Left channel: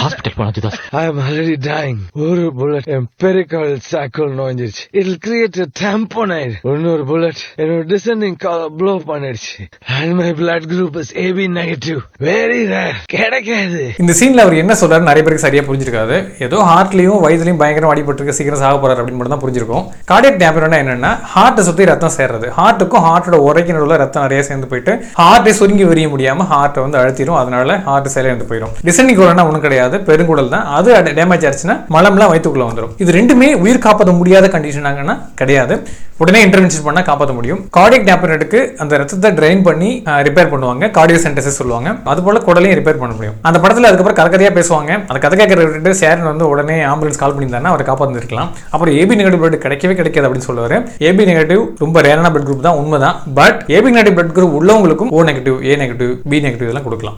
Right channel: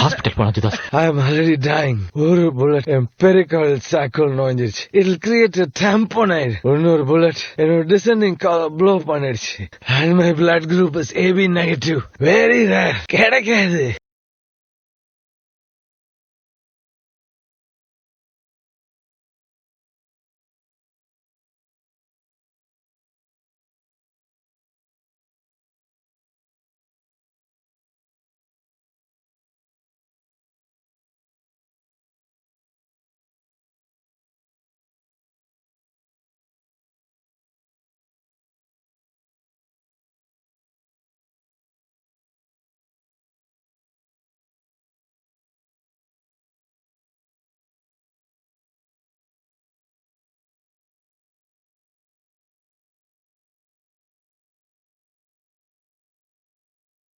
Hospital போனா ஜிதாஸ். I am already dying. ஒரு bullet empirical cycle நோஞ்சிருச்சு. It'll create a tamponade. இன்னொரு bullet என்னோட descending column blow பண்ணிடுச்சு. And my blood group is AB negative. Very rare. கிடைக்காது. இந்த சீன்ல அவர் என்ன சொல்றாரு நிறைய பேருக்கு சரியா புரிஞ்சிருக்காது. ஏதோ ஹார்ட்லயும் வயிற்றுலயும் பயங்கரமா அடிபட்டிருக்கு, சீக்கிரம் சாக போறாரு அப்படின்னு மட்டும் தான் புரிஞ்சிருக்கும். கார்டியக் டேம்பர்னா என்னன்னா ஹார்ட்டை சுத்தி ரத்தம் சேர்றது. ஹார்ட்டுக்கும் ஹார்ட்டோட உரைக்கு நடுவுல ரத்தம் நிறைய சேர்ந்து போயிட்டு ஹார்ட்டை சுருங்கி விரிய முடியாம ஹார்ட்டை வந்து அழுத்திடும். அதனால ஹார்ட் செயலிழந்து போயிடும். டிசெண்டிங் கோலனா ஒன்றும் கிடையாது, பெருங்குடல் தான். அது டேமேஜ் ஆச்சுன்னா மலம்லாம் வயிற்றுக்குள்ள வந்துடும். இது ரெண்டுமே உயிர் காப்பாற்ற முடியாத கண்டிஷன் கிடையாது. உடனே இன்டர்வென்ஷன் பண்ணா காப்பாற்ற முடியும். கார்டியக் டேம்பர்க்கு அந்த ரத்தத்தை ட்ரைன் பண்ணி ரிப்பேர் பண்ணுவாங்க, கார்டியோசென்டசிஸ் சொல்லுவாங்க. அது போல குடலையும் ரிப்பேர் பண்ண முடியும். அந்த படத்துல அதுக்கப்புறம் கதையா பேசுவாங்க. அந்த கதை கேட்கற சேரன் வந்து உடனே ஆம்புலன்ஸ் கால் பண்ணியிருந்தாருன்னா அவரை காப்பாற்றிருக்கலாம். அப்புறம் ஏபி நெகட்டிவ் பிளட் கிடைக்கவே கிடைக்காது அப்படின்னு சொல்லுவாரு. ஏபி நெகட்டிவ் ரொம்ப ரேரான பிளட் குரூப் தான், உண்மைதான். But AB negative blood group உள்ளவங்களுக்கும் O negative, A negative, B negative எல்லாம் கொடுக்கலாம்.